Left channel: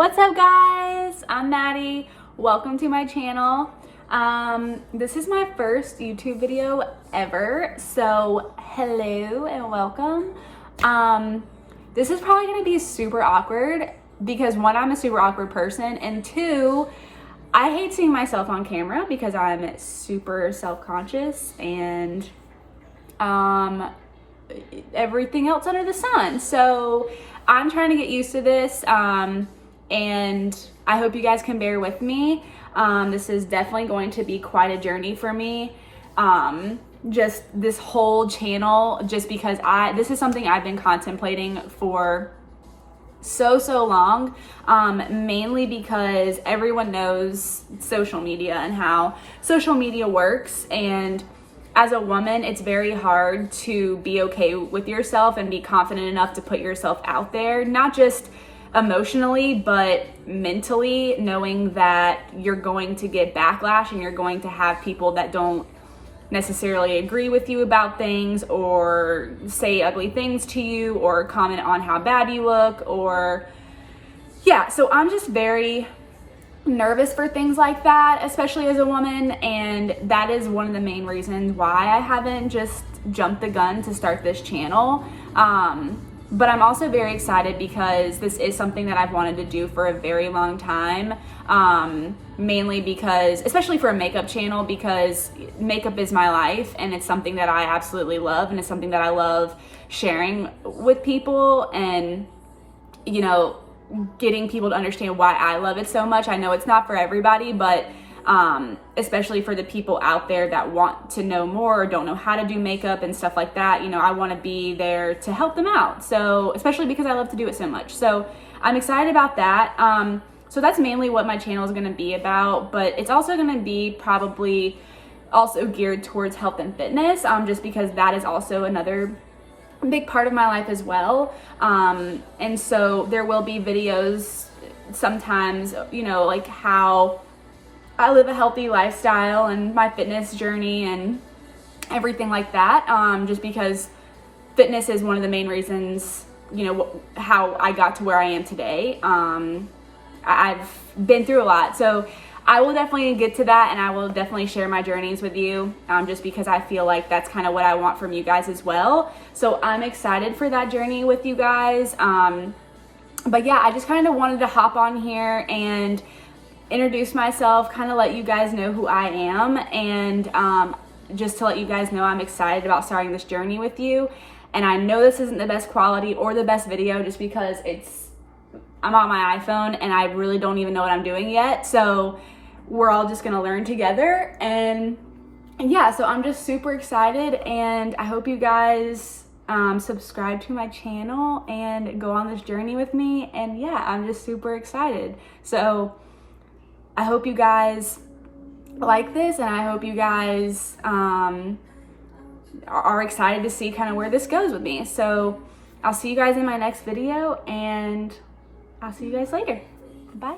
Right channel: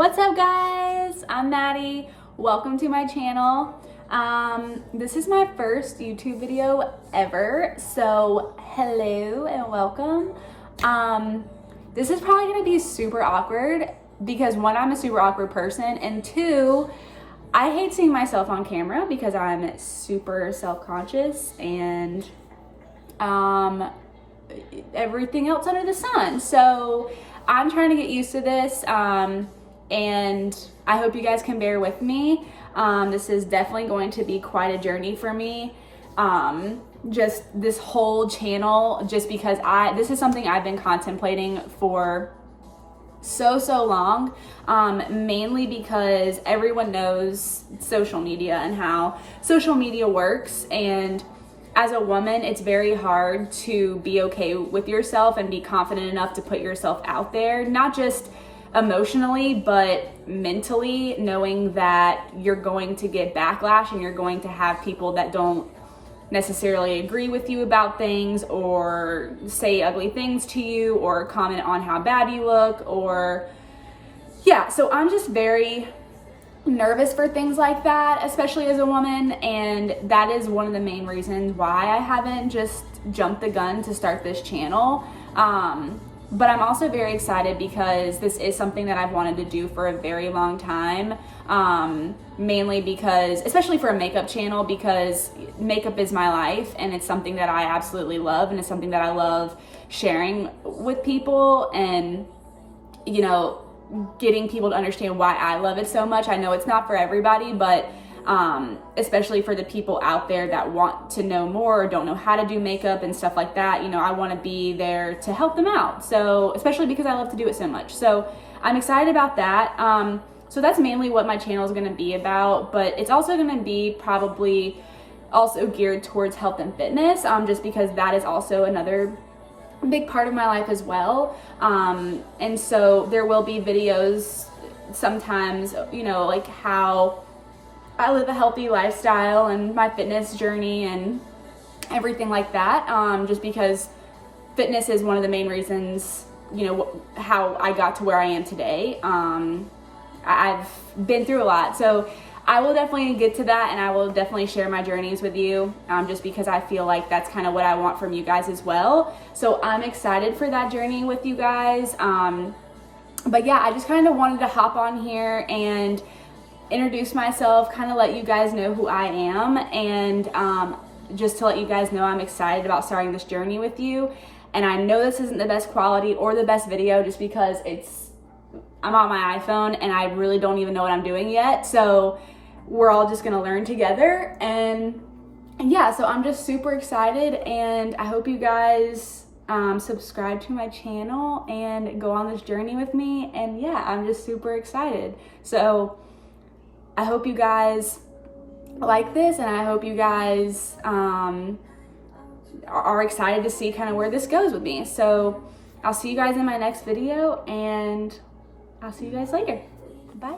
What's up, guys? I'm Maddie. Welcome to my channel. This is my first YouTube video ever, so hello and welcome. This is probably gonna be super awkward because one, I'm a super awkward person, and two, I hate seeing myself on camera because I'm super self-conscious and everything else under the sun. So I'm trying to get used to this, and I hope you guys can bear with me. This is definitely going to be quite a journey for me. Just this whole channel, just because this is something I've been contemplating for so long, mainly because everyone knows social media and how social media works, and as a woman it's very hard to be okay with yourself and be confident enough to put yourself out there, not just emotionally but mentally, knowing that you're going to get backlash and you're going to have people that don't necessarily agree with you about things or say ugly things to you or comment on how bad you look, or so I'm just very nervous for things like that, especially as a woman, and that is one of the main reasons why I haven't just jumped the gun to start this channel. But I'm also very excited because this is something that I've wanted to do for a very long time, mainly because, especially for a makeup channel, because makeup is my life and it's something that I absolutely love, and it's something that I love sharing with people, and you know, getting people to understand why I love it so much. I know it's not for everybody, but especially for the people out there that want to know more or don't know how to do makeup and stuff like that, you know, I want to be there to help them out. So especially because I love to do it so much. So I'm excited about that. So that's mainly what my channel is going to be about, but it's also going to be probably also geared towards health and fitness, just because that is also another big part of my life as well. And so there will be videos sometimes, you know, like how I live a healthy lifestyle and my fitness journey and everything like that, just because fitness is one of the main reasons, you know, how I got to where I am today. I've been through a lot, so I will definitely get to that, and I will definitely share my journeys with you, just because I feel like that's kind of what I want from you guys as well. So I'm excited for that journey with you guys. But yeah, I just kind of wanted to hop on here and introduce myself, kind of let you guys know who I am, and just to let you guys know I'm excited about starting this journey with you. And I know this isn't the best quality or the best video just because I'm on my iPhone and I really don't even know what I'm doing yet. So we're all just gonna learn together, and yeah, so I'm just super excited, and I hope you guys subscribe to my channel and go on this journey with me. And yeah, I'm just super excited. So I hope you guys like this, and I hope you guys are excited to see kind of where this goes with me. So I'll see you guys in my next video, and I'll see you guys later. Bye.